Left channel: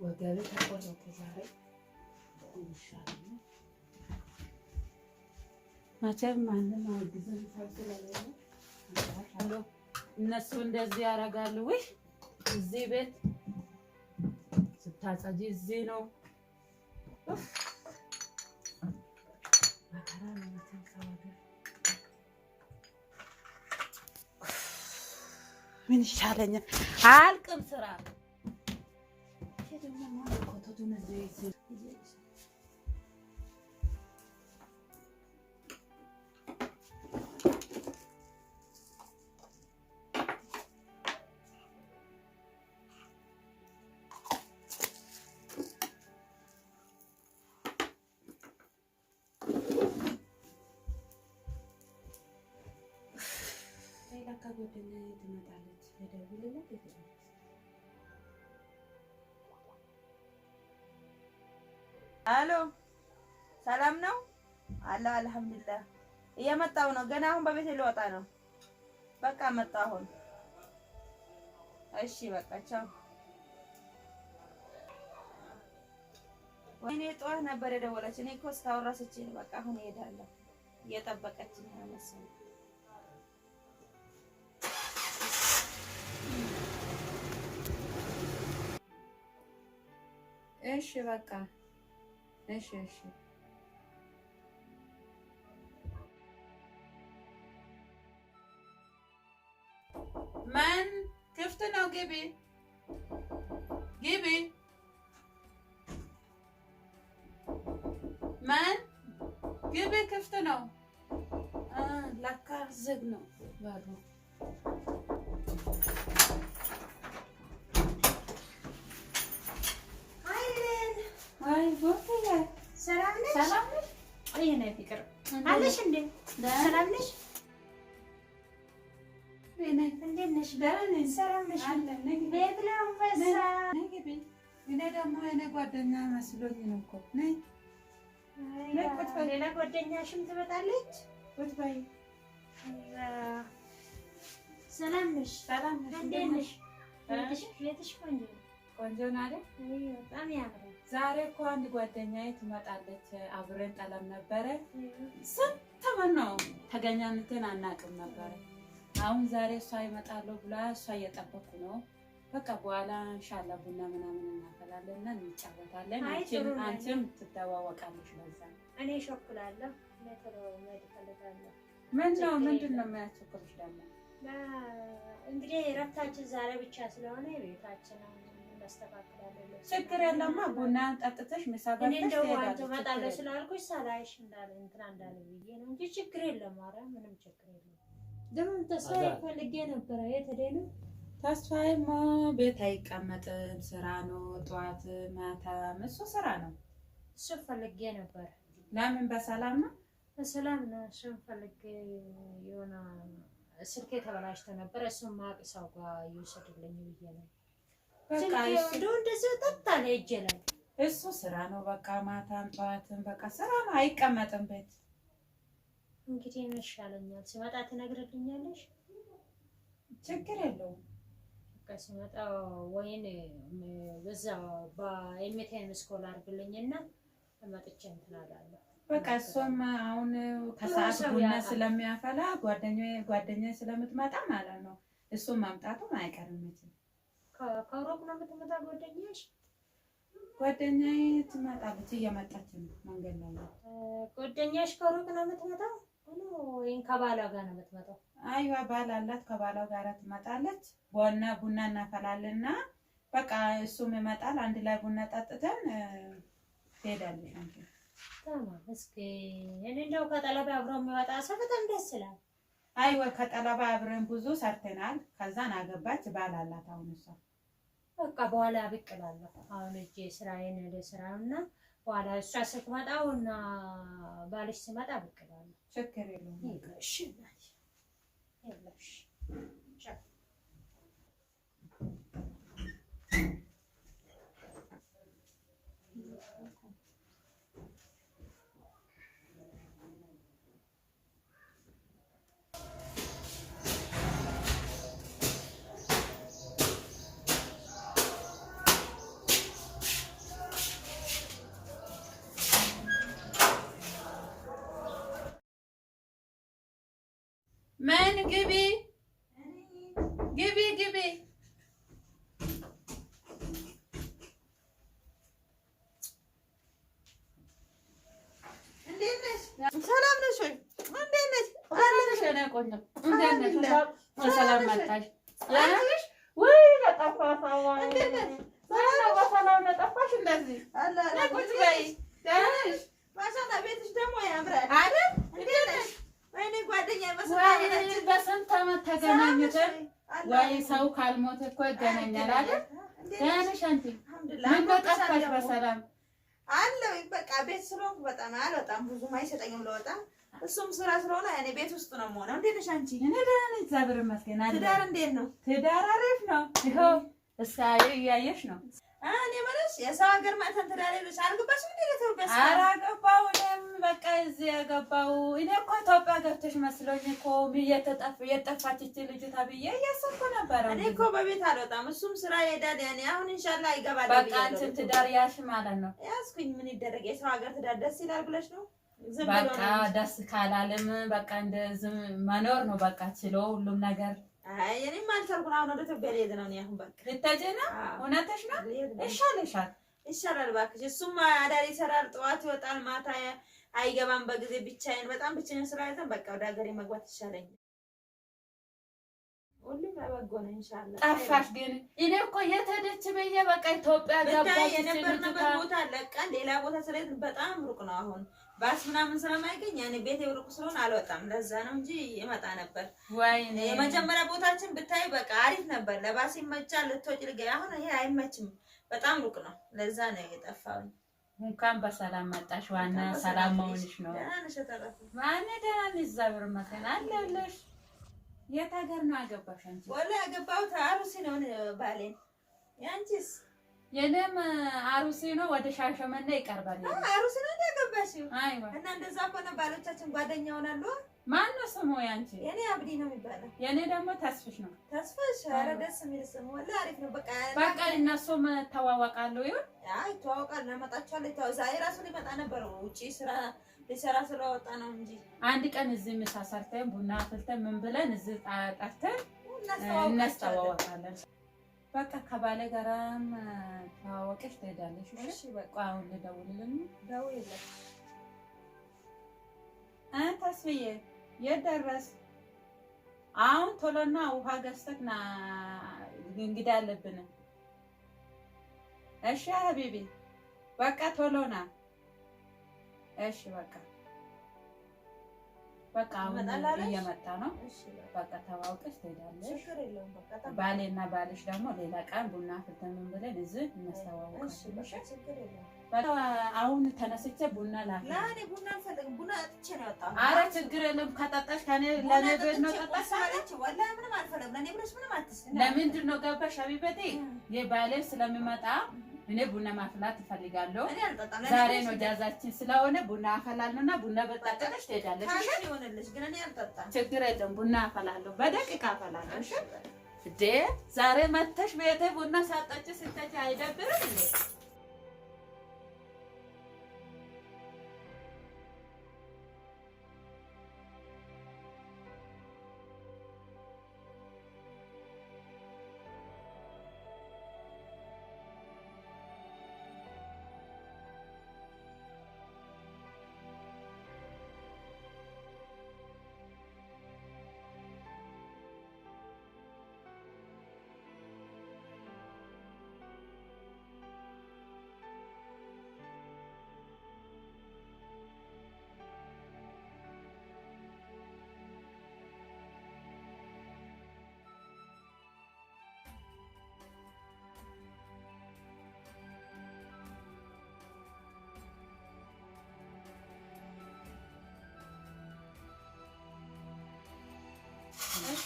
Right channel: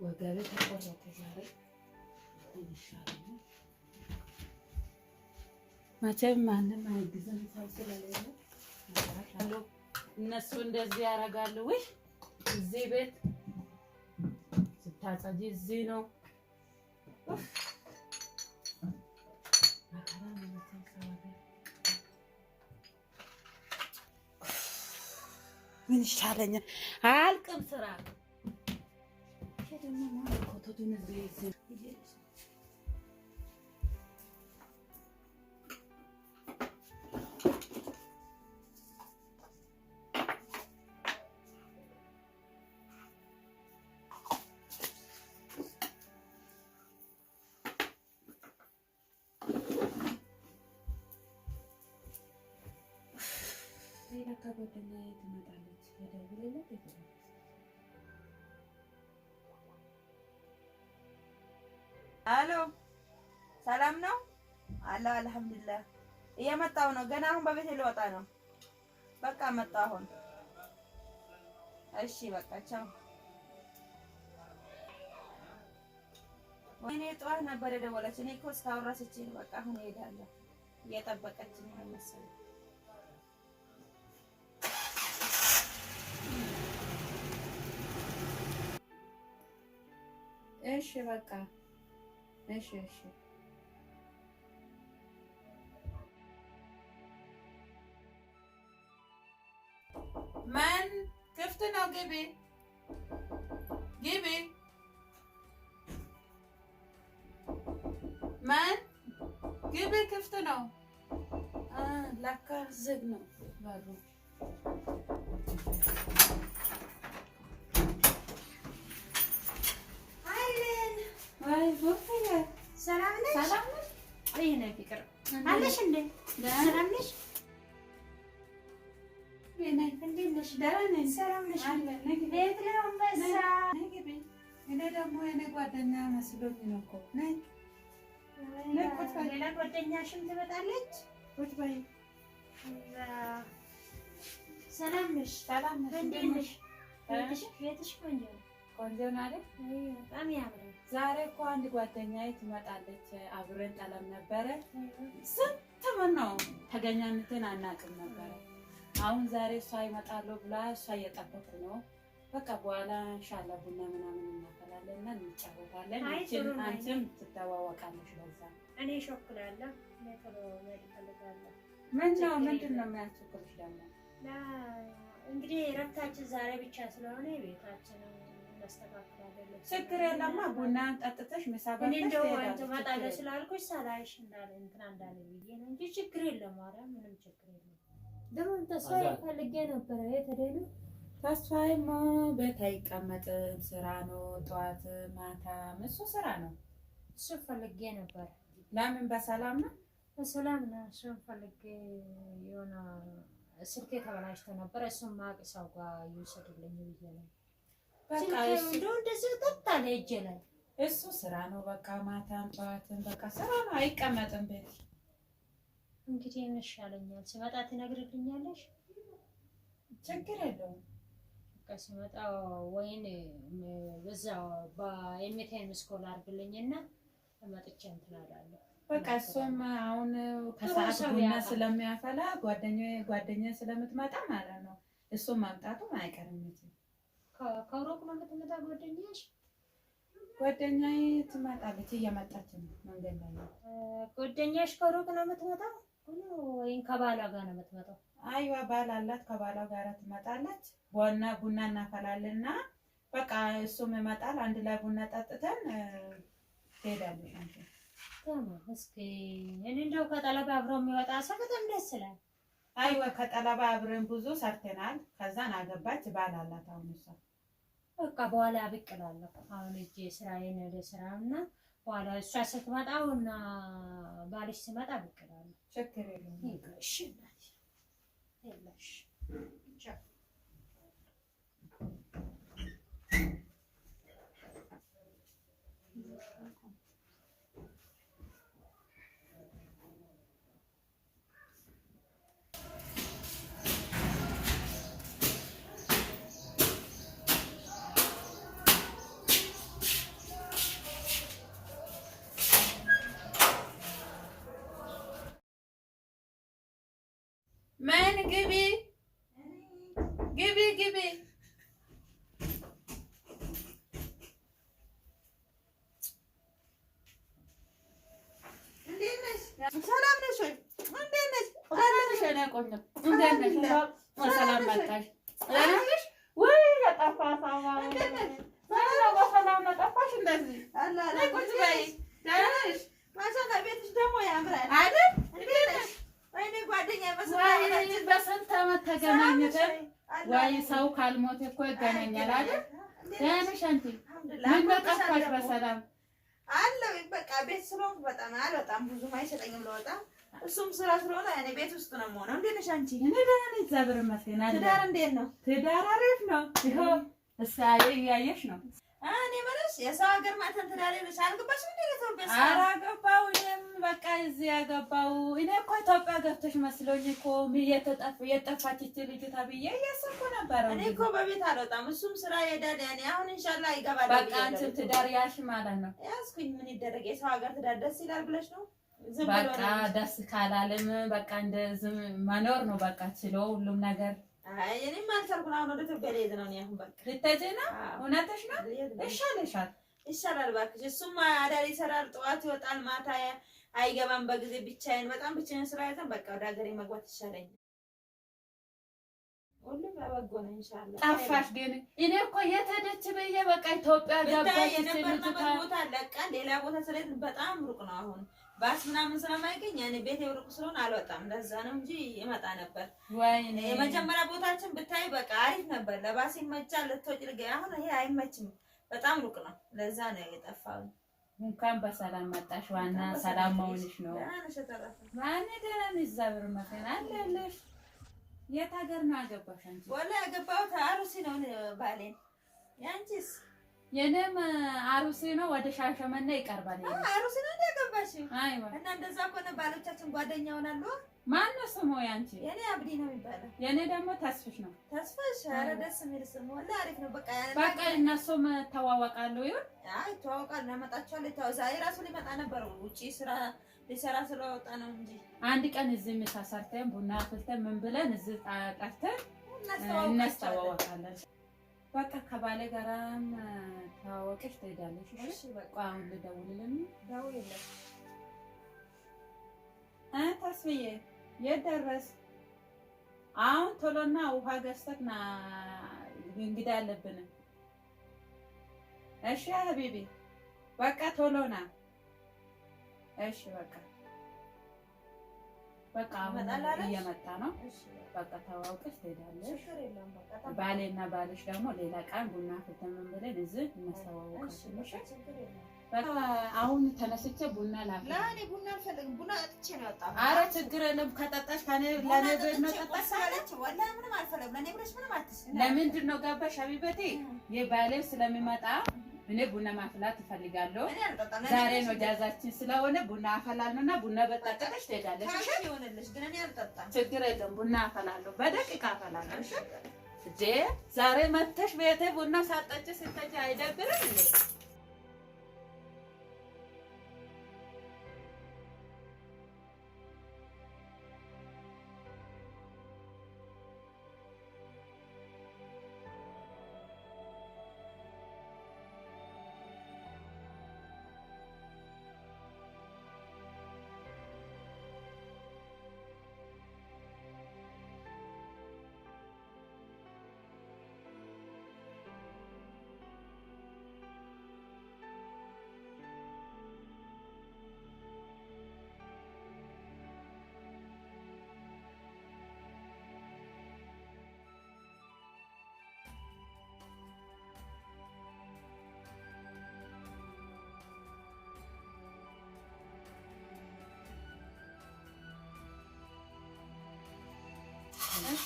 ወገቤ ተቆረጠ ዛሬ ይሻላል። መቼም ማንም አግዘን ሰው ስለሌለ እነሱ እንደዚህ ያደርጋሉ። ወይ እዚህ ቤት ስታጸጂ እዚህ ነው መከራ ነው። መቼም ሰው ሀገር ምን ይሻለኛል? አልቅም ስራ ሄደኛ ማለት ኮተቱን እዚህ ጓደኛዬ ትመጣለች። የደውልለት ይገኛል። አሎ ሰላም ነው አላህ አልሐምዱሊላህ። እየመጣሁ ነው። ገና አሁን በቤት ልወጣ ነው። በቃ መጣሁ አሁን። እሺ በቃ ቻው። ወይኔ ጠዋት ነበር የደወለች። እኔ እኮ እስካሁን ረስቼ ነው። በቃ አሁን እሄዳለሁ። እየጠበቀችኝ ነው መሰለኝ። እሺ በቃ እሺ ማን ክፍት ነው? ግቢ ማን ግቢ፣ ክፍት ነው። ለካ ዝግ ነው በሩ። ሰላም ነሽ? አይ ነይ ፍቅር አለሽ እንዴ? ሰላም ነሽ? ነይ እንዴት ነሽ? ደህና ነኝ። ሰላም ነሽ? ቤት ነው በዛ። እኔ ደግሞ የኔ ጓደኛ መስሎኝ ነው እኮ። ነይ ሌላ ጓደኛሽም ትመጣለች? ቁጭ በይ። ሰላም ነሽ? ሰላም ነሽ? እንዴት ነሽ? ቤትሽ ቆንጆ ነው። ቆንጆ ነው አይደል? በጣም ያምራል። ዛሬ እኮ አንድ ጓደኛዬ ትመጣለች። አብረን ጠለም ነበረ። ስንት ምን ነው ተገናኝተን አናውቅም ነበረ። አሁን ዛሬ እሷ ይመጣሉ ብላ እሷ እየጠበኩ ነው። በቃ በኋላ ኢንሻአላህ ቡና ምናምን እናፈላለን እና እንጫወታለን። አንቺም ትተዋወቃለሽ። ለዛ እኔ ሾኩላለሁ ለተሮ ማይፈልጋለሁ። ምንድን ነው የሚያስቸኩልሽ ደግሞ? እንግዲህ ረፍታችን ዛሬ ብቻ ስለሆነ ቤታችንን እናስተካክላለን። ችግር የለማ። ቡና ጠጥተሽ ምሳ በልተሽ እኔ እንደው አንተ መጣለሽ ስላልኩሽ ሳላይሽ እንዳለ እንትና እንዳለ ብዬ ነው እንጂ ችግር የለም። ኧረ ምንም ችግር የለም። ደግሞ ተስፋዬ ፈልጌ ነበር። የት ሄደ ነው? ተስፋዬማ ቤት አይቀመጥም። ስራ ነው፣ ጠዋት ማታ እሱ ስራ ነው። እሱ ፈልጌ ነበር። ለምን? በሰላም ነው? በሰላም ነው። እሱ ፈልጌ የሆነ ስልኬ ተበላሽቶ ነበር። እሱን ማቅ ሰው ጋር ይወሰድልኝ ብዬ ነው። በቃ እሱ እንደዚህ ተጣለ እጄ ላይ። እሱ ስራ ነው። በቃ ማታም ጠዋትም በቃ ስራ ነው። አይቀመጥም ቤት። እንግዲህ ይሻለኛል። ሲመጣ ትነግርልኛለሽ? ችግር የለውም። በቃ ሲመጣ ወይን በዛ በኤምቲኤም ስኮል አድርግልኝና መጥቼ እንትን አላለሁ። በቃ እሱም አሁን ከሰዓት ቡና ስለሚያፈላ ጓደኛዬ ስለምትመጣ ማለት ነው። እሱም መምጣቱም አይቀርም እንጂ ከሩቅ ነው የምትመጣ ጓደኛሽ? ጓደኛዬ ትመጣለች፣ እየመጣች ነው። መንገድ ላይ ነው። ጓደኛሽ ከሩቅ ነው የምትመጣው ወይም ከባሏ ጋር ነው የምትመጣው? አይዋ ባል አላት፣ ከባሏ ጋር ትመጣለች። ቡና እናፈላለንና በቃ እሱም ይመጣል። አንድ ላይ ቡና ጠጥተን ትሄዳለች። አንቺ ተማም እስኪ እኔ እንደው ከጠለባ አብሮ የሚወጣ ሰው በጣም ደስ ይላል። አይወ ከጠለባ አብረን ብዙ ሰርተናል። ከዛን አገባች ባል አላት። አሁን እሷ በቃ በኋላ ብቅ እላለሁ። አሁን እጄ ስራዬን ለስራውና በኋላ እሷ ስትመጣውና ባልሽ ሲመጣ ብቅ እላለሁ። ችግር የለውም። እሺ እናቴ የለሽ ምን ግቢ ግቢ ግቢ። እንዴት ነሽ? ሰላም ነሽ ወይ? እንዴት ነሽ? አራሽ እኔ ቆንጆ እንዴት ነሽ? ሰላም መጣሽ? ያለሽ ወይ ለጠፋፋዋ እንዴት ነሽ? ሰላም ነው ጠፋሽ እንደዚህ አላ ቁጭ በይ። ደህና ነሽ? ማሻአላ ቤትሽ ደግሞ ያምራል አይደል? እንዴት ነሽ? ወይኔ ጓደኛ መስሎኝ በስንት ዓመት ተገናኝተን ወይ ሰው ካልሞተ እኮ ይገናኛል አይደል? ደህና ነሽ አንቺ? ምን ጠፋሽ? በሰላም አለው። በቃ ቤት ስለሆንኩ በጣም አልወጣም፣ ብዙም አይሰጠኝም ለወጣ። እሱም ስራ ስለሆነ እኔ ቤት ውስጥ ነው የምሆነው። እንዴት ነሽ አንቺ? እኔ ደህና ነኝ እግዚአብሔር ይመስገን። ትዳር እንዴት ነው? ትዳር አሪፍ ነው። ይኸው እስካዬ እያየሽ ነው። እኔ ማለት የሰው ሀገር ማተን ትዳር ይልሽ አልገባሽም እንዴ? ለኢትዮጵያ ኧረ ገባሁ። እኔም በቃ እዚህ ያገባሁ። እኔ እኮ ኢትዮጵያ ገብተሽ መስሎኝ እኮ የጠፋች እቺ ልጅ ተብዬ እያሰብኩ ነበረ። እኔ እኮ በቤት አልወጣም፣ እሱም ስራ ይሄዳል። ያኔ አሁን ኢንሻአላህ ይገባል። በቃ አንቺም ትዳር ያሽ ማለት ነው። ያዝኩኝ። ምን ይደረግ፣ የሰው ሀገር ትዳር ደስ ይላል ብለሽ ነው? በቃ ደስ ካላለም በቃ እንደዚህ መኖር ነው በቃ ችሎ ሁሉም ነገር። አይ እኔም አልቻልኩም። አሁን ወደ ኢትዮጵያ ልሄድ ነው። እኔ አሁን በቃ ልትሄጂ ነው? እውነትሽ ነው? ይሻልሻል። ይሻላል እባክሽ። እሱም አዳር ይሰራል፣ ጠዋት ይወጣል፣ ማታ አይገባም በጊዜ። ብቻዬን በጣም ብቻዬን ስራ አይተን በቃ ወደ ሀገሬ መግባት ይሻለኛል። ሁሉም በበጎ ነው ኢንሻአላህ። ጠፋሽ ግን እኔ እኮ የት ሄደች ብዬ በቃ ኢትዮጵያ ገባች። የነበርንበት ቦታ ለቀን ሌላ ቦታ ስለሄድን በጣም ሩቅ ነው። አሁን ባስ ምናምን ስለማይገኝ ያኔ ቤት ሩቅ ስለሆነ አልወጣም። ለዛ ነው እንጂ ይመጣ ነበር። ወይኔ የመጀመሪያ ቦታችን ብታይ በቃ አሪፍ ነበር። ለባስ ይመቻል፣ ልትወጪ ልገኝ። አሁን ይሄ አይመችም፣ በጣም ሩቅ ነው። ለዛ ነው የጠፋው። እንኳን በሰላም መጣሽ። ዋና ሰላም መሆንሽ ነው። ማን ደህና ነሽ? እግዚአብሔር ይመስገን አለሁልሽ። የት ሀገር ነው ያገባሽ አንቺ? ወላሂ ያገባሁት አሩሲ ነው ባሌን። ያንቺስ? የኔም አሩሲ ነው፣ ወደ ሻሸመኔ ይቀርባል። አሩሲ ነው ያገባሽው? አይዋ። እና እንደዛ ከሆነ ባሎቻችን ጓደኛ ሆናሉ። ማን ነው ስሙ ያንቺ? የኔ አብዲ ነው የሚባለው። የኔ ደግሞ ተስፍሽ ነው። ተስፍሽ? ኧረ ደስ የሚል ስም ወላሂ አሪፍ ነው። በቃ እነሱም ተዋወቃሉ። ይሁን አይ ተዋወቃሉ። እናመጣቸዋለን። ዛሬ ራሱ ሊመጣ ነበር፣ ውጪ ስራ ሊሰራ ስለወጣ ነው እንጂ አንድ ቀን እዚህ ምሳ ሰርተን ቡና አፍልተን ምን ብለን እዚህ ጠርተን እናስተዋወቃለን። በቃ ከባለ ጋራም ተዋወቀሽ ትሄዳለሽ። እሺ በቃ አሁን ልደውልልኝ። ደውይለት። ተስፍዬ የት ደረስ? አሁን ቶሎና ውሃ ገዝተህ ና፣ እንግዳ አለብን። እሺ ሀቢቢ በቃ ቶሎ ና። እሺ በቃ አሁን እየመጣ ነው። በቃ ተዋውቀሽ ትሄዳለሽ። ባሌና ባልሽ ደግሞ ሌላ ቀን ቡና አፍልተን ምን ብለን እዚህ እናስተዋውቃለን። በቃ አሁን ተነስቼ ቡና ላፍላ። ለኔ ቡና አልፈልግም። ቡና አጥቼ ነው የወጣሁት። ኧረ ችግር የለም። ከጠጣሽ ለኔ ቤት ነው ጠጣሽ። ወላሂ ምንም አልፈልግም። ለኔ ብለሽ ምንም አትስኝ። ለምንድን ነው ገባሽ ሀቢበቴ? የባሌ ስለሚመጣ እኔ ቡና ማፍላት እፈልጋለሁ። ዛሬ ነው ጃዛችን ስለሆነ ቡና አፈላለሁና ቡና በጠጣሽ ትሄዳለሽ። እሺ ይሆንልሽ፣ ግን እኔ አልጠጣም። ችግር የለም። ቡና አፈላለሁ፣ በደቂቃ አፈላለሁ። እሺ እንዴ ዛሬ መተሽ ቤቴ ቡና ሳጠጪ ስትሄጂ አይደብርም እንዴ?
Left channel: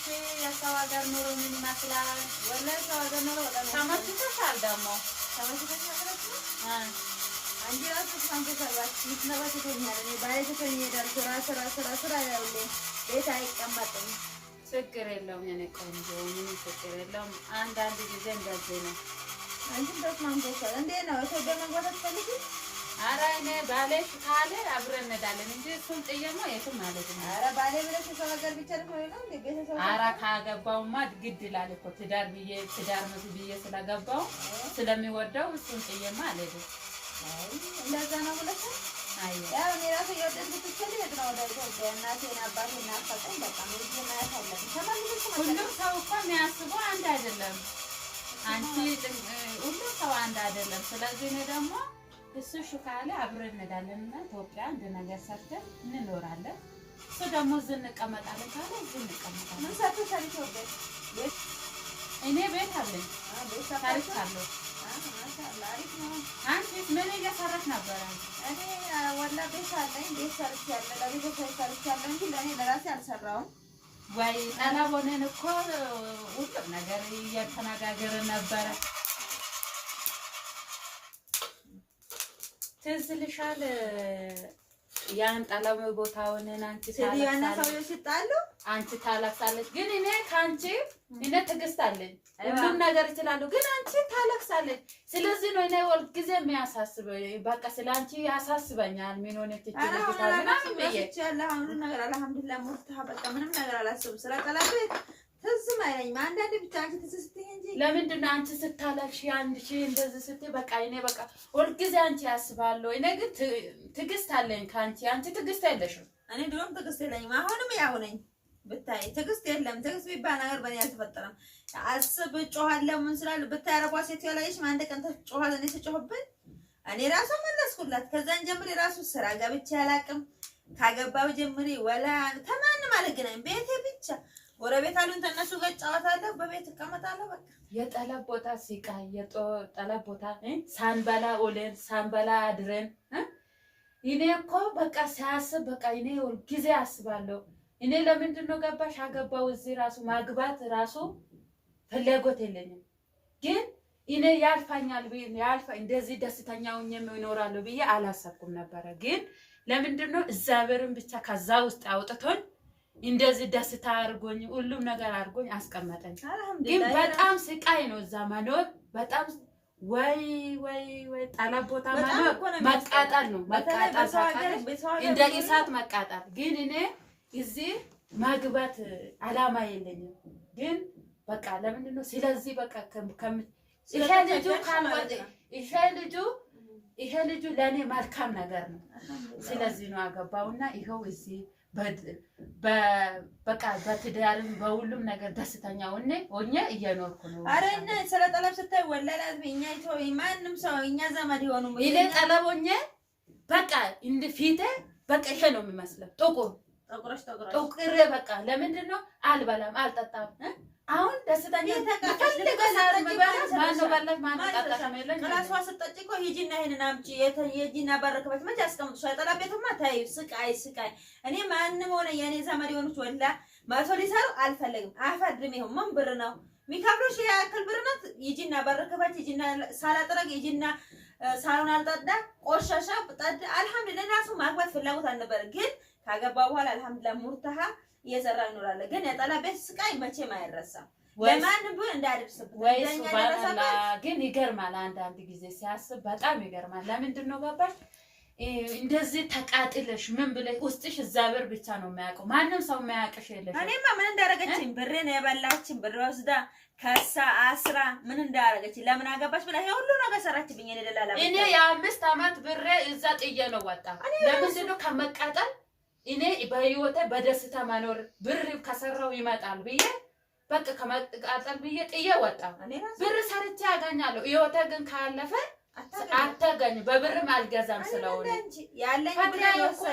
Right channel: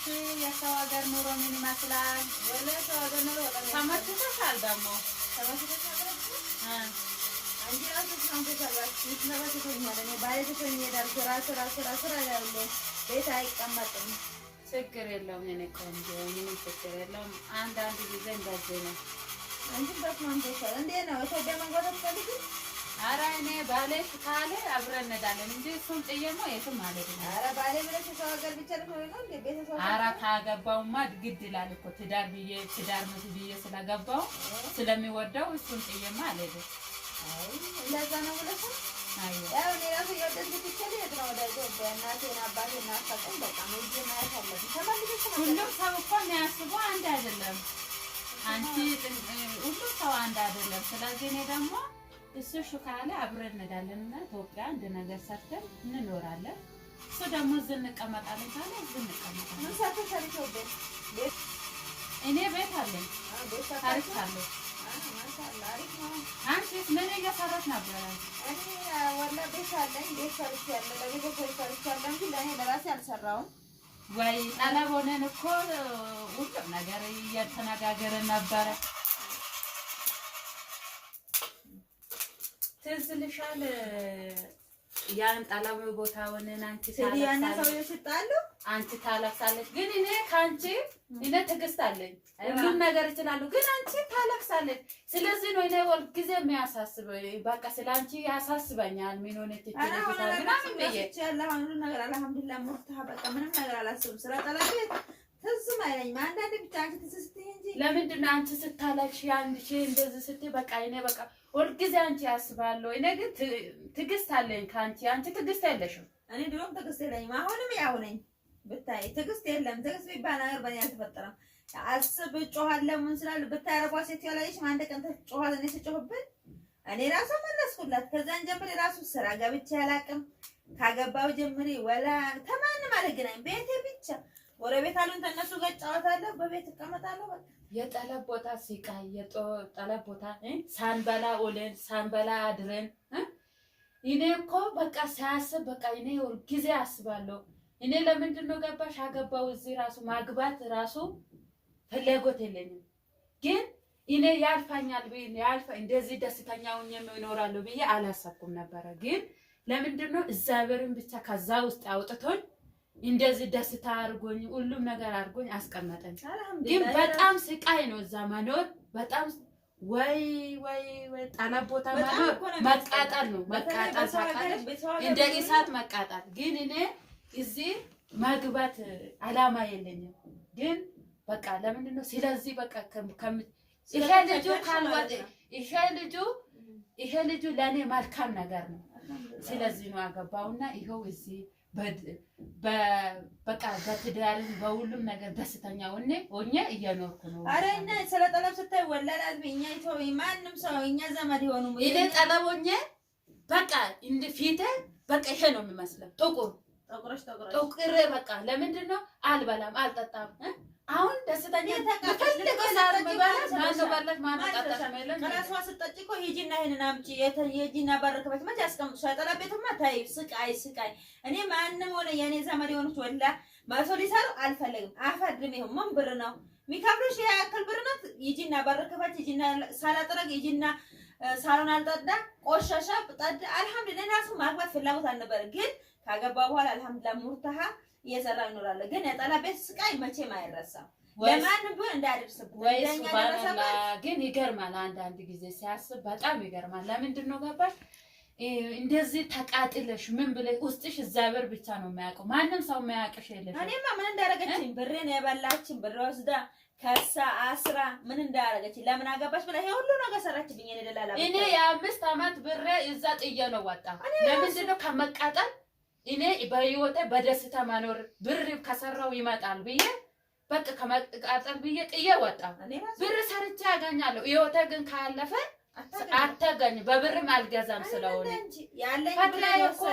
እንዴት የሰው ሀገር ኑሮ ምን ይመስላል? ወላሂ ሰው ሀገር ኑሮ በጣም ተመችቶሻል? ደግሞ ተመችቶሻል? አንቺ ራሱ ተመችቶሻል? ተመችቶኛል። እኔ ባሌ ትቶኝ ይሄዳል። ስራ ያውለ ቤት አይቀመጥም። ችግር የለውም የኔ ቆንጆ፣ ምንም ችግር የለውም። አንዳንድ ጊዜ እንደዚህ ነው። አንቺም ተስማምቶሻል? እንዴት ነው ኢትዮጵያ መግባት አትፈልጊም? ኧረ እኔ ባሌ ካለ አብረን እንሄዳለን እንጂ እሱን ጥዬማ የትም አልሄድም። ኧረ ባሌ ብለሽ የሰው ሀገር ብቻ ነው እንዴ? ቤተሰብ ኧረ ካገባውማ ግድ ይላል እኮ ትዳር ብዬ ስለገባው ስለሚወደው እሱን ጥዬማ አልሄድም። አይ እንደዛ ነው ብለሽ ያው እኔ ራሱ እየወደድኩት ይችላል የት ነው ወደ ኢትዮጵያ እናቴን አባቴን ናፈቀኝ። በቃ ሄጄ ማየት አለብኝ። ተመልሰሽ ሁሉም ሰው እኮ የሚያስበው አንድ አይደለም። አንቺ ሁሉም ሰው አንድ አይደለም። ስለዚህ እኔ ደግሞ እሱ ካለ አብረን እንሄዳለን እና ኢትዮጵያ አንድ ነገር ሰርተን እንኖራለን። እሱ ደግሞ እዚህ እንቀመጣለን ካለ እዚህ እንቀመጣለን። ምን ሰርተሻል ኢትዮጵያ? እኔ ቤት አለኝ። ሰርቻለሁ። ማሻአላህ አሪፍ ነው። አንቺስ ምን እየሰራሽ ነበር? እኔ ወላሂ ቤት አለኝ። ቤት ሰርቻለሁ። ለቤተሰብ ሰርቻለሁ እንጂ ለእኔ ለራሴ አልሰራሁም። ወይ ጠለብ ሆነን እኮ ሁሉም ነገር እየተነጋገርን ነበረ። ትዝ ይልሻል ያን ጠለብ ቦታ ሆነን አንቺ ሲዲያና ሰውዬው ሲጣሉ አንቺ ታለቅሳለች። ግን እኔ ከአንቺ እኔ ትዕግስት አለኝ፣ ሁሉም ነገር እችላለሁ። ግን አንቺ ታለቅሳለች። ስለዚህ ነው እኔ ሁልጊዜ የሚያሳስበኝ። በቃ ስለ አንቺ ያሳስበኛል። ምን ሆነ ሁሉ ነገር አልሐምዱሊላህ ሙርታህ በቃ ምንም ነገር አላስብም። ስለ ጠለብ ትዝም አይለኝም። አንዳንዴ ብቻ አንቺ ትዝ ስትይ እንጂ ለምንድን ነው አንቺ ስታለቅሽ አንቺ እንደዚህ ስትይ በቃ እኔ በቃ ሁልጊዜ አንቺ ያስባለሁ። እኔ ግን ትዕግስት አለኝ ከአንቺ። አንቺ ትዕግስት የለሽም። እኔ ድሮም ትዕግስት የለኝም፣ አሁንም ያው ነኝ። ብታይ ትዕግስት የለም። ትዕግስት የሚባል ነገር በእኔ አልተፈጠረም። አስብ እጮሃለሁ ምን ስላል ብታይ አረቧ ሴት ያላየሽም አንድ ቀን ተጮሃል። እኔ ስጮህብን እኔ ራሱ መለስኩላት። ከዛን ጀምሬ ራሱ ስራ ገብቼ አላውቅም። ካገባው ጀምሬ ወላ ተማንም አልገናኝም። ቤቴ ብቻ ጎረቤት አሉኝ። ተነሱ ጋር እጫወታለሁ፣ በቤት እቀመጣለሁ። በቃ የጠለብ ቦታ ሲቃይ የጠለብ ቦታ ሳንበላ ውለን ሳንበላ አድረን እኔ እኮ በቃ ሲያስብ በቃ እኔ ሁልጊዜ አስባለሁ። እኔ ለምንድን ነው ገባሽ አገባው እዚህ ራሱ ማግባት ራሱ ፍላጎት የለኝም። ግን እኔ ያልፋኛል እንደዚህ ደስተኛ ሆኜ እኖራለሁ ብዬ አላሰብኩም ነበረ። ግን ለምንድን ነው እግዚአብሔርን ብቻ ከዛ ውስጥ አውጥቶኝ እንደዚህ ደስታ አድርጎኝ ሁሉም ነገር አድርጎኝ አስቀመጠኝ። ግን በጣም ስቃይ ነው እዛ መኖር። በጣም ወይ ጠለብ ቦታ መኖር መቃጠል ነው። መቃጠል እንደ እሳት መቃጠል። ግን እኔ እዚህ ማግባት አላማ የለኝም። ግን በቃ ለምንድን ነው ስለዚህ በቃ ይሄ ልጁ ለእኔ መልካም ነገር ነው። ስለዚህ ነው ያገባውና ይኸው እዚህ በቃ በትዳርም በሁሉም ነገር ደስተኛ ሆኜ እየኖርኩ ነው። አረ እና ስለ ጠለብ ስታይ ወላሂ እኛ ማንም ሰው እኛ ዘመድ የሆኑ እኔ ጠለብ ሆኜ በቃ እንደ ፊቴ በቃ ይሄ ነው የሚመስለው ጥቁር በቃ ለምንድን ነው አልበላም አልጠጣም። አሁን ደስተኛ ከራሷ ስጠጪ እኮ ሂጂና ይሄንን አምጪ የጂና ባረከበት መቼ ያስቀምጡሻል? ጠለብ ቤቱማ ተይ ስቃይ። እኔ ማንም ሆነ የኔ ዘመድ የሆኑት ወላ መቶ ሊሰሩ አልፈለግም። አፈድም ይሁን ምን ብር ነው የሚከብሩሽ? ያክል ብር ነው። ሂጂና ባረከበት ሂጂና ሳላጥረግ ሂጂና ሳሎን አልጠዳ ቆሻሻ ጠዳ። አልሐምዱሊላህ ራሱ ማግባት ፍላጎት አልነበረ። ግን ካገባ በኋላ አልሐምዱሊላህ ሙርታሃ እየሰራ ይኖራል። ግን የጠለብ ቤት ስቃይ መቼም አይረሳም። ለማንም ቢሆን እንዳያደርስብን ወይስ ባላ ግን ይገርማል። አንዳንድ ጊዜ ሲያስብ በጣም ይገርማል። ለምንድን ነው ገባሽ እንደዚህ ተቃጥለሽ ምን ብለሽ ውስጥሽ እግዚአብሔር ብቻ ነው የሚያውቀው። ማንም ሰው የሚያውቅሽ የለሽ። እኔማ ምን እንዳደረገችኝ ብሬን የበላችኝ ብር ወስዳ ከሳ አስራ ምን እንዳደረገችኝ ለምን አገባሽ ብላ ይሄ ሁሉ ነገር ሰራችብኝ። እኔ ደላላ እኔ የ5 ዓመት ብሬ እዛ ጥዬ ነው ወጣ። ለምንድን ነው ከመቃጠል እኔ በህይወቴ በደስታ መኖር ብር ከሰራው ይመጣል ብዬ በቃ ከመቃጠል ብዬ ጥዬ ወጣ። ብር ሰርቼ ያገኛለሁ። ህይወቴ ግን ካለፈ አታገኝ በብርም አልገዛም ስለሆነ ያለኝ ብር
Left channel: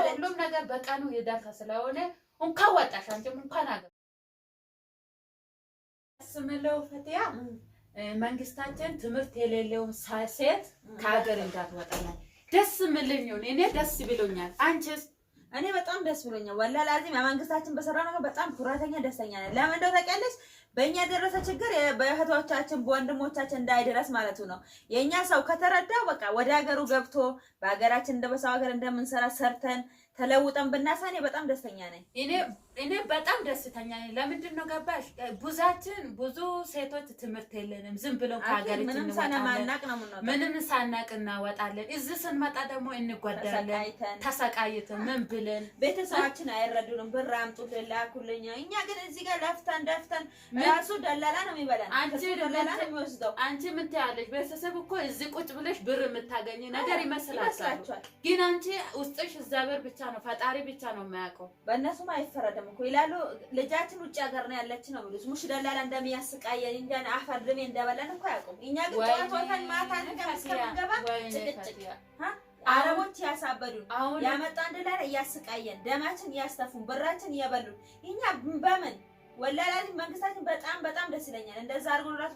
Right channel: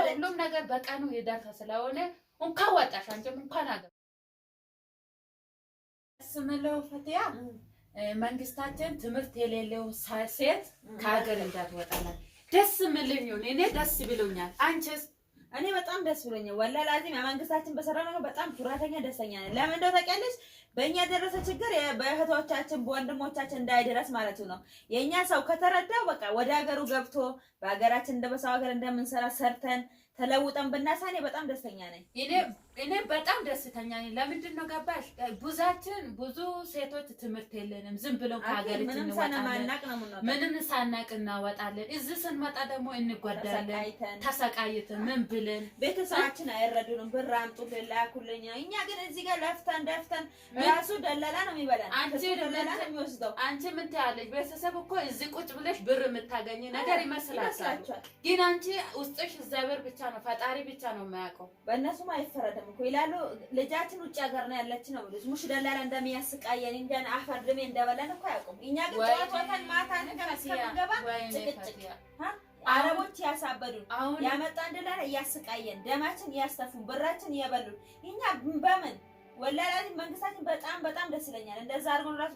ሁሉም ነገር በቀኑ ይደርሳ ስለሆነ እንኳን ወጣሽ አንቺም እንኳን አገ ስምለው ፈቲያ መንግስታችን ትምህርት የሌለው ሴት ከሀገር እንዳትወጣ ደስ ምልኝ ነው። እኔ ደስ ብሎኛል። አንቺስ እኔ በጣም ደስ ብሎኛል። ወላሂ ላዚም መንግስታችን በሰራው ነገር በጣም ኩራተኛ ደስተኛ ነኝ። ለምን እንደው ታውቂያለሽ? በእኛ የደረሰ ችግር በእህቶቻችን በወንድሞቻችን እንዳይደረስ ማለቱ ነው። የእኛ ሰው ከተረዳው በቃ ወደ ሀገሩ ገብቶ በሀገራችን እንደ በሰው ሀገር እንደምንሰራ ሰርተን ተለውጠን ብናሳኔ በጣም ደስተኛ ነኝ። እኔ በጣም ደስተኛ ነኝ። ለምንድን ነው ገባሽ? ብዙ ሴቶች ትምህርት የለንም። ዝም ብለው ከሀገራችን ምንም ሳናቅ እናወጣለን። እዚህ ስንመጣ ደግሞ እንጎዳለን። ተሰቃይተን ምን ብለን ቤተሰባችን አይረዱንም። ብር አምጡልን ላኩልኝ። እኛ ግን እዚህ ጋር ለፍተን ራሱ ደላላ ነው የሚበላን። ደላላ ነው የሚወስደው። አንቺ ምን ትያለሽ? ቤተሰብ እኮ እዚህ ቁጭ ብለሽ ብር የምታገኝ ነገር ይመስላችኋል። ግን አንቺ ውስጥሽ እግዚአብሔር ብቻ ነው ፈጣሪ ብቻ ነው የሚያውቀው። በእነሱም አይፈረድም እኮ ይላሉ። ልጃችን ውጭ ሀገር ነው ያለች ነው ብሉስ ሙሽ ደላላ እንደሚያስቃየን እንደና አፈር ድሜ እንደበላን እኮ አያውቁም። እኛ ግን ጠዋቷን ማታ እንደምንገባ ጭቅጭቅ አረቦች ያሳበዱን ያመጣን ደላላ እያስቃየን ደማችን እያስተፉን ብራችን እየበሉን እኛ በምን ወላሂ መንግስታችን በጣም ደስ ይለኛል። እንደዛ አድርጎ ራሱ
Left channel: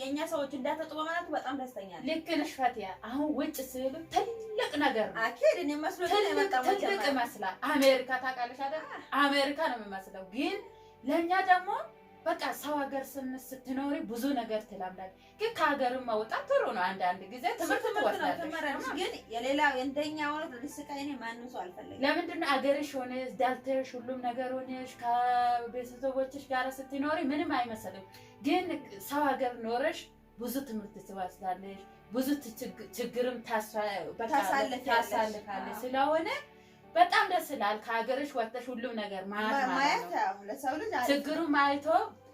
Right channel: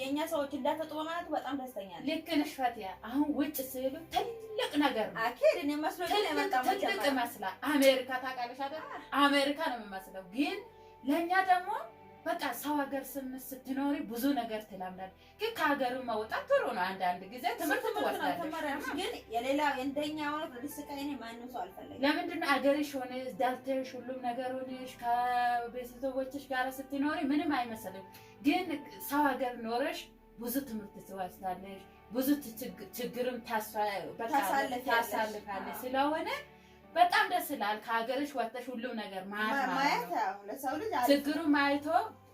የኛ ሰዎች እንዳተጡ በማለት በጣም ደስተኛ ነኝ። ልክ ነሽ ፈቲያ። አሁን ውጭ ሲሉ ትልቅ ነገር ነው። አኬድ እኔ መስሎ ትልቅ ይመስላል። አሜሪካ ታውቃለሽ አይደል? አሜሪካ ነው የሚመስለው። ግን ለኛ ደግሞ በቃ ሰው ሀገር ስትኖሪ ብዙ ነገር ትለምዳለሽ። ግን ከሀገርም መውጣት ጥሩ ነው። አንዳንድ ጊዜ ትምህርት ትወስዳለሽ። ግን የሌላ እንደኛ ሆነ ልስቃይ እኔ ማንም ሰው አልፈልግም። ለምንድን ነው አገርሽ ሆነሽ ዳልተሽ ሁሉም ነገር ሆነሽ ከቤተሰቦችሽ ጋር ስትኖሪ ምንም አይመስልም። ግን ሰው ሀገር ኖረሽ ብዙ ትምህርት ትወስዳለሽ። ብዙ ችግርም ታሳልፋለሽ። ስለሆነ በጣም ደስ ይላል። ከሀገርሽ ወጥተሽ ሁሉም ነገር ማየት ለሰው ልጅ ችግሩን ማይቶ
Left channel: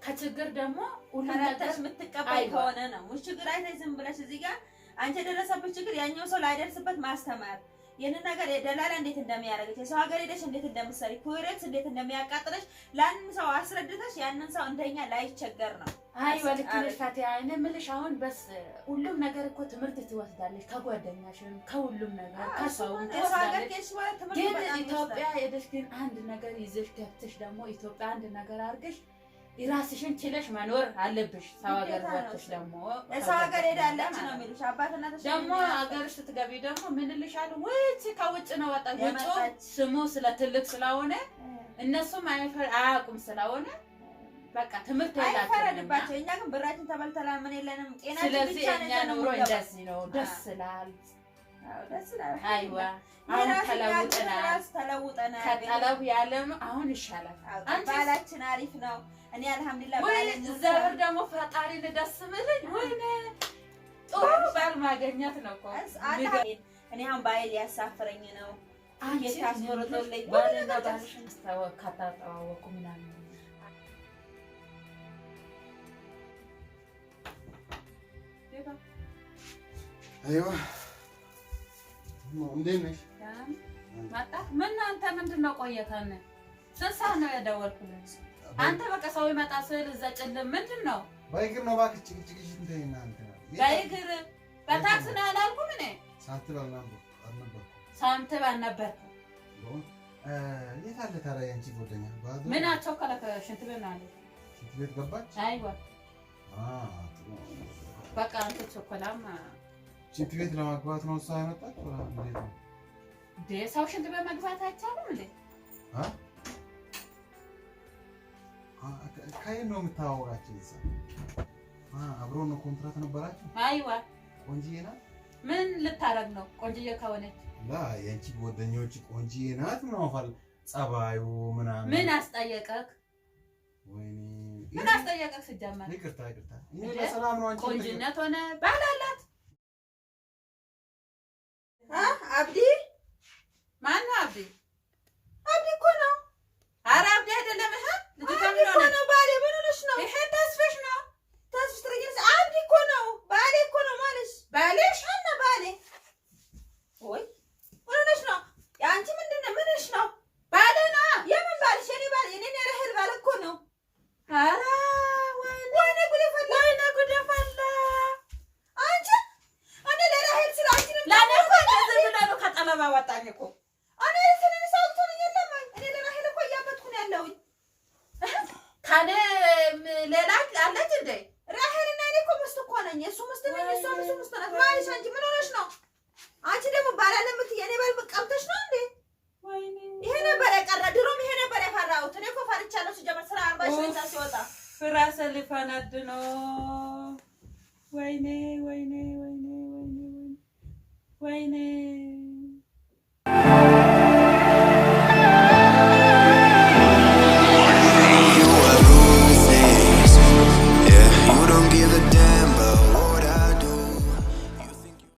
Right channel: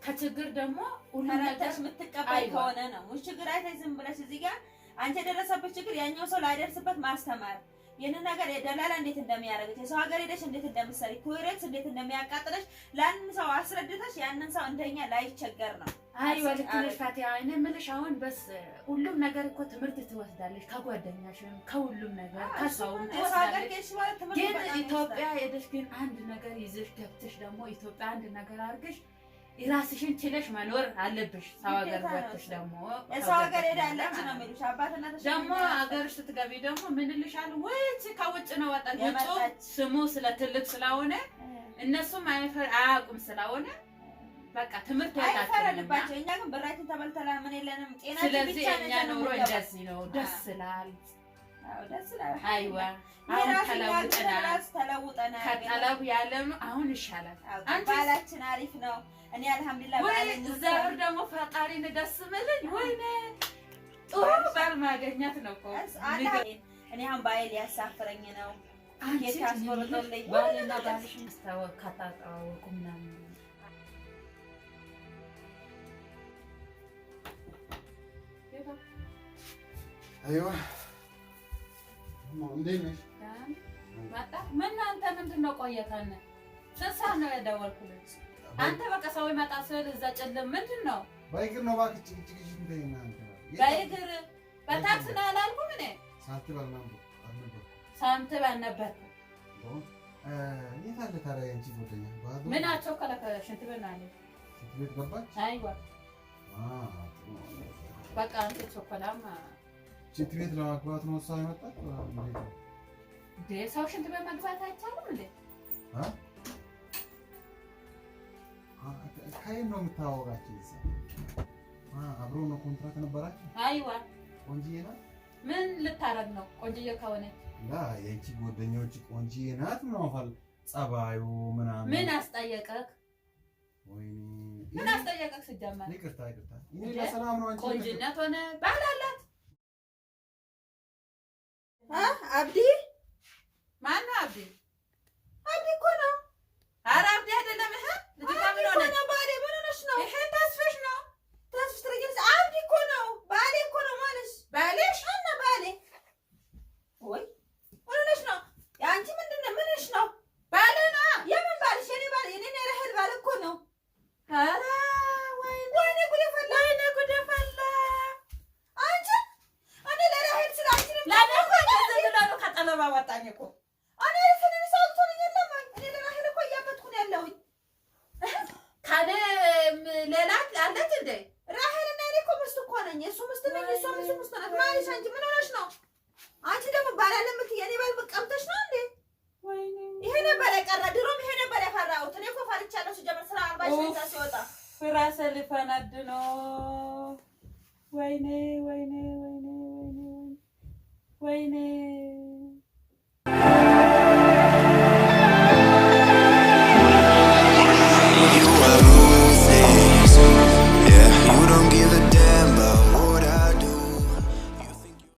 ከችግር ደግሞ ሁሉም ነገር የምትቀበል ከሆነ ነው። ሙሽ ችግር አይተሽ ዝም ብለሽ እዚህ ጋር አንቺ የደረሰበት ችግር ያኛው ሰው ላይደርስበት ማስተማር ይሄንን ነገር የደላላ እንዴት እንደሚያደርግሽ የሰው ሀገር ሄደሽ እንዴት እንደምትሰሪ ኩዌት እንዴት እንደሚያቃጥለሽ ለአንድ ሰው አስረድተሽ ያንን ሰው እንደኛ ላይቸገር ነው። አይ ወልክልሽ ፈቲያ እኔ የምልሽ አሁን በስ ሁሉም ነገር እኮ ትምህርት ትወስዳለሽ። ከጓደኛሽም ከሁሉም ነገር ከሰውም ትወስዳለሽ። ግን ኢትዮጵያ ሄደሽ ግን አንድ ነገር ይዘሽ ገብተሽ ደግሞ ኢትዮጵያ አንድ ነገር አድርገሽ ራስሽን ችለሽ መኖር አለብሽ። ሰው ሀገር ወጥተሽ ደግሞ ሰው ሀገር ሄዳለች ነው የሚሉሽ አባትናተሽ ደግሞ ሀገርሽ ስትገቢ ደግሞ ምን ልሻል ወይስ ከውጭ ነው ወጣች ስሙ ስለ ትልቅ ስለሆነ እነሱም አያውቁም ስለሆነ በቃ ትምህርት አይፈረድባቸው። እኛ ግን ብራችን ተበልተላ ምን የለንም ጤናችን ብቻ ነው። እኛ ኑሮ እንደዚህ ነው። ደስ ይላል። ደስ ይላል። አይዋ አሁን ተለውጠናል። ከጠለብ ያለም አሁን ይሻላል። ባላችን አሪፍ ነው። እኔ አልሐምዱሊላህ ባለኝ ዘር ደግሞ ፈጣሪን ደስ ምልኝ ወይኔ ጥሩ ባል ማገኘት ነው እኮ። እኔ አሁን ባይል ያሳፍረኝ ነው። የታስቆርጦልኝ ባልና ባልሽን ከተዋወቁ ምናምን አይዋ እንዴት ነሽ? መጣ ምን አንተ ምንድን ነው ቆየከን? ስንት ሰዓት ነው የደወልኩልህ? አንተ በቃ ሰው ይመጣ ስል እዛ ጨለም ምንድን ነው? በእግር ነው እባክህ ጭቅጭቅሽ እንተይና አንተ ነው በእግር በታክሲ ነው አላልኩም እኔ ሳንቲም አልነበርኩም። ሳንቲም አልነበርኩም። የት አለ ታዲያ ያንቺ ጓደኛ? ምን አቸኮለክ? ሽንት ቤት ነው አለ። ሽንት ቤት ገባች? አይዋ ጥሩ በቃ አንተ ቸኮላማ ሽንት ቤት ለማግባት ነው እሷ ያመጣች ወላ እንዴት ነው? ሰው ሽንት ቤት መግባት አይቻልም እንዴ? ከየት ነው የምታወቃቸው? እዛ አብሮ ነው ኮንትራት ነበራቸው? አይዋ ቆንጂዬ ናት። ምን ልታረግ ነው? ቆንጂዬ ከሆነች የአንቺ ጓደኞች ቆንጂዬ ናት ምናምን ጸባዩ ምናምን ምን አስጠየቀክ? ወይኔ ምን አስጠየቀክ? ሲጀመር ይቅርታ እኔ በሰላም ነው። አንቺ ቆንጂነት ሆነ ባላላት አብዲ ማነው? አብዲ እኮ ነው። ኧረ አብዲ አይደለም። ነው ባሌ። ምን ሆነሽ ነው? ይሄ ተስፍሽ ነው። ተስፍሽ ትረጊልሽ። አብዲ እኮ ነው። ባሌ እኮ ነው ማለት ባሌሽ እና ባሌ ወይ ምን ሆነሽ ነው? አንቺ ምንድን ነው? ምንሽ ነው? ባሌ ነው። የምን ባልሽ? የኔ ባል የኔ ረህል ባል እኮ ነው። ኧረ ወይኔ ጉድ ፈላ። ወይኔ ጉድ ፈላ። አንቺ እኔ ለራህል ስለ አንቺ ነው ለኔ እኮ እንደዚህ ብላ ነው ከጠለባ ወጣኝ እኮ እኔ ስለኔ ሰውቶኝ የለም። እኔ ለራህል እኮ እያበትኩ ነው ያለሁኝ። ካለ ሌላ አለች እንዴ? ራህልና እኔ እኮ ምስት እኮ ነኝ። እሱ ምስት ነኝ፣ እሷ ምስት ናት ማለት አንቺ ምን ሆነሽ ነው? አንቺ ደግሞ ባላለ የምትይ የኔ ባል ቀምተሽ ነው እንዴ? ወይኔ ይሄ ነበር የቀረ ድሮም ይሄ ነበር ያፈራሁት። እኔ እኮ ፈርቻለሁ ሲጀመር ስራ 40 ሺህ ብር ሲወጣ ፍራሰ ሊፈነድ ነው። ወይኔ ወይኔ ወይኔ ወይኔ ወይኔ You are ruthless, yeah, you don't give a damn